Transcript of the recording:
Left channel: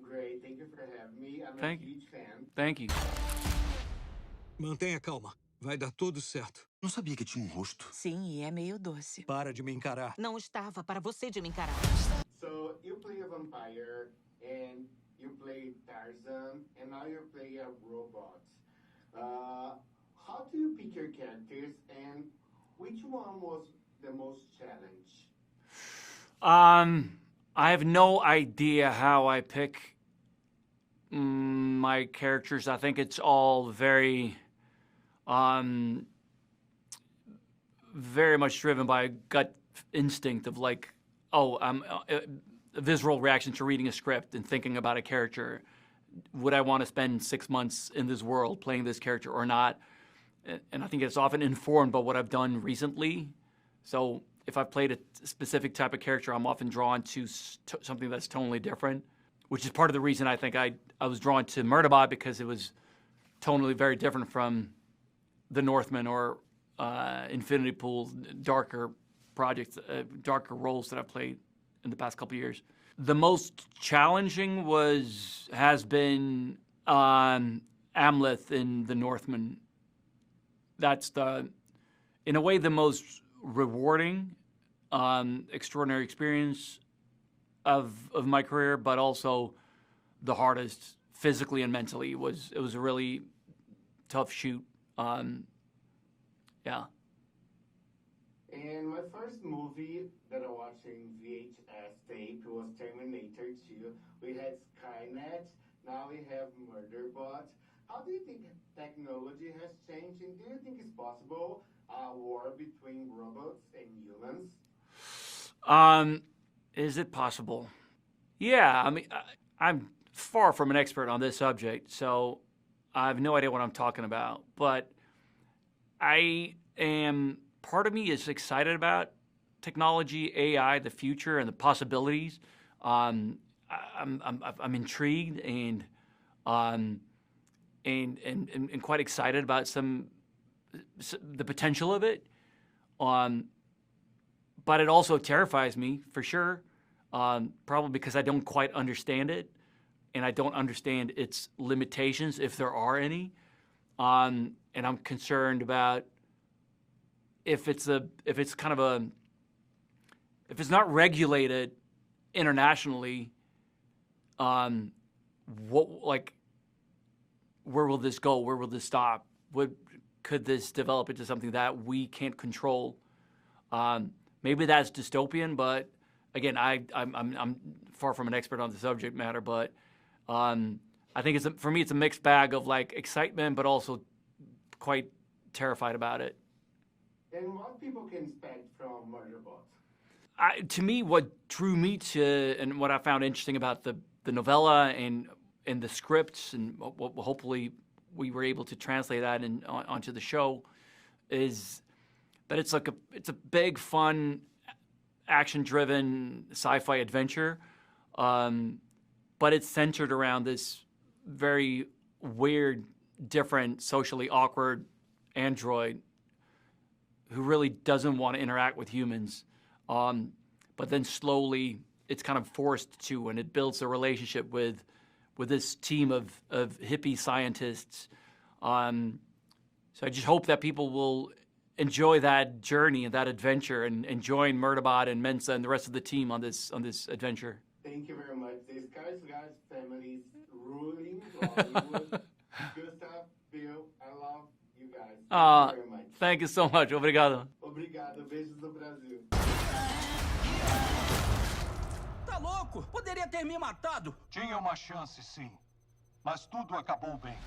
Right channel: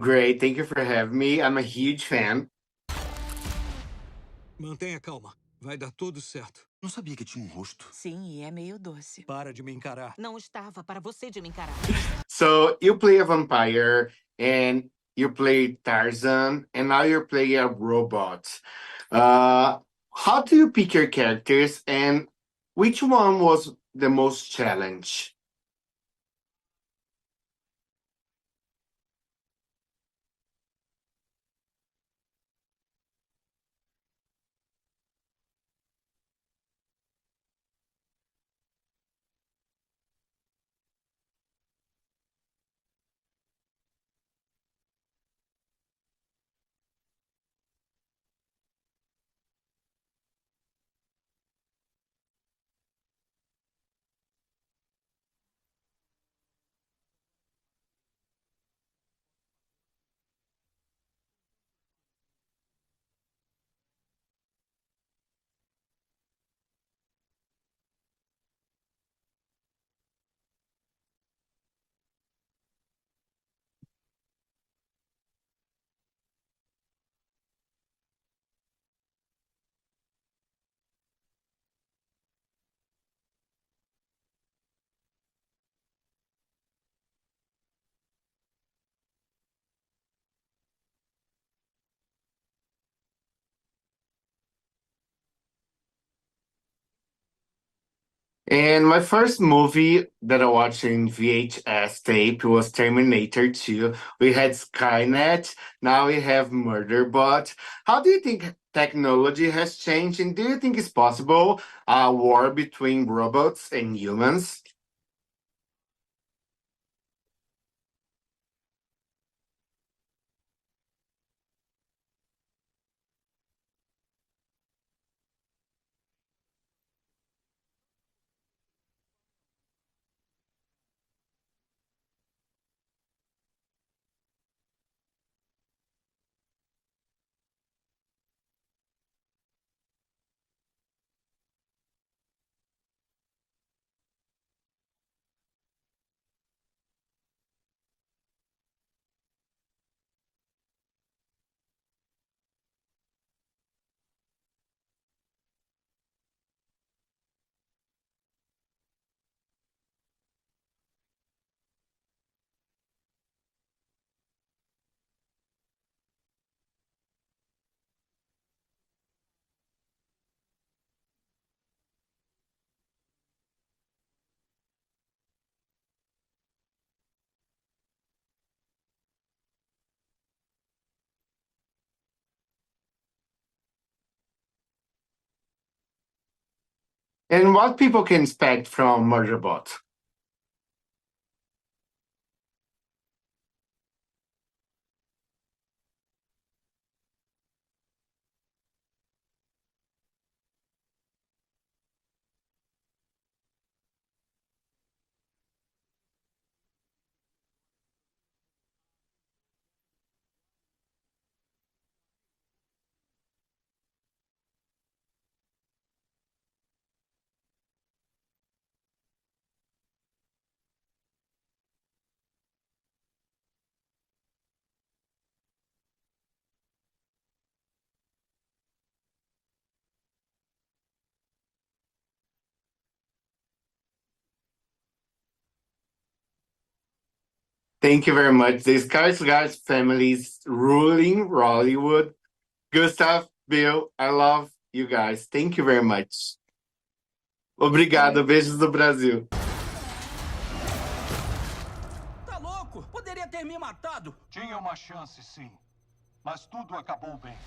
great. Thank you for having me. I'm a Thank you. huge fan. Thank you. Mantenha calma. Vai dar tudo certo. Não sabia que tinha um rosto. Sim, e é meio doce. Para de me encarar. Não estava para você de me encarar. So you play a vampire and you play Tarzan and now you're playing a robot. How do you pick your characters and which one was the most challenge? I have no idea how I pick my characters. I think it's all very much driven by a gut instinct of like, a visceral reaction to reading a script and thinking about a character. Would I want to spend 6 months in this world playing this character or not? And I think it's often informed by what I've done recently. So if I've played a specific type of character, I'm often drawn to something that's totally different, which is part of the reason I think I was drawn to Murderbot, because it was tonally very different from The Northman or Infinity Pool, darker projects, darker roles that I've played in the past couple of years. The most challenging has been Amleth in The Northman. That's in a way, the most rewarding, extraordinary experience of my career, but also the hardest physically and mentally. It was a really tough shoot. Yeah. And my first movie that I watched in VHS tape was Terminator 2. We had Skynet, now we have Murderbot. How do you think technology has changed, and do you think it's possible a war between robots and humans? Is it possible? Yeah, I mean, I'm far from an expert on this subject, so I have no idea what I'm talking about. But part of me is excited about technology, AI, the future, and the possibilities. I'm intrigued and quite excited about the potential of it. But it also terrifies me, for sure, probably because I don't quite understand it, and I don't understand its limitations, if there are any. And I'm concerned about if it's not regulated internationally, where will this go? Where will this stop? Could this develop into something that we can't control? Maybe that's dystopian, but again, I'm far from an expert on the subject matter. But I think for me, it's a mixed bag of like excitement, but also quite terrified about it. And what people can expect from Murderbot? To me, what drew me to, and what I found interesting about the novella and the scripts, and hopefully we were able to translate that onto the show, is that it's a big, fun, action-driven sci-fi adventure, but it's centered around this very weird, different, socially awkward android who really doesn't want to interact with humans, but then slowly it's kind of forced to, and it builds a relationship with this team of hippie scientists. So I just hope that people will enjoy that journey and that adventure, and join Murderbot and Mensa and the rest of the team on this adventure. Thank you very much. The Skarsgård family's ruling Hollywood. Gustav, Bill, I love you guys. Thank you very much. Thank you so much. Obrigado. Obrigado. Beijos do Brasil. Tá louco? Poderia ter me matado. Tinha uma chance, sim. Mas tudo acabou bem.